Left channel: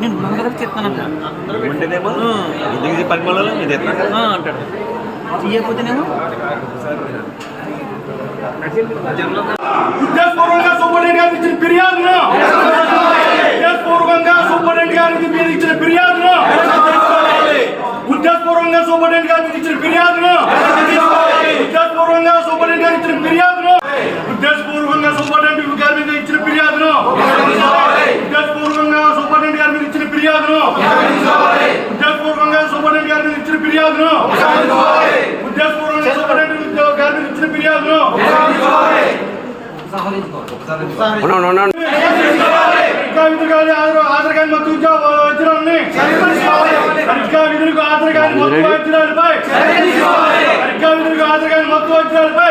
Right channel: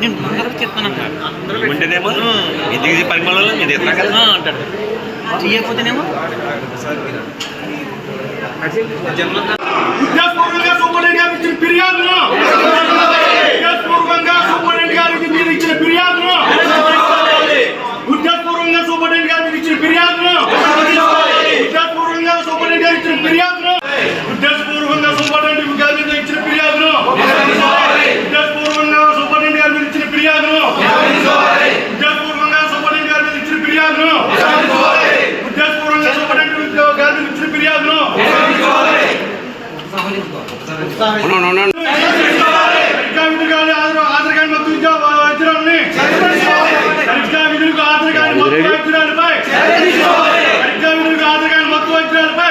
నేను ముందరకు చెప్తాను ఉంటేనేమో ఎందుకు పరిమళలో మీరు ఎత్తా కదా అంటాడు తీయకపోతేనేమో ఉద్దేశపూర్వకంగా ఆధార్ ఆధార్ కార్డు విధులకు ఆధార్ కార్డు మొత్తం వైద్యురాలపై తనిఖా విధులకు ఆధార్ కార్డు మత్తు వైద్యురాలపై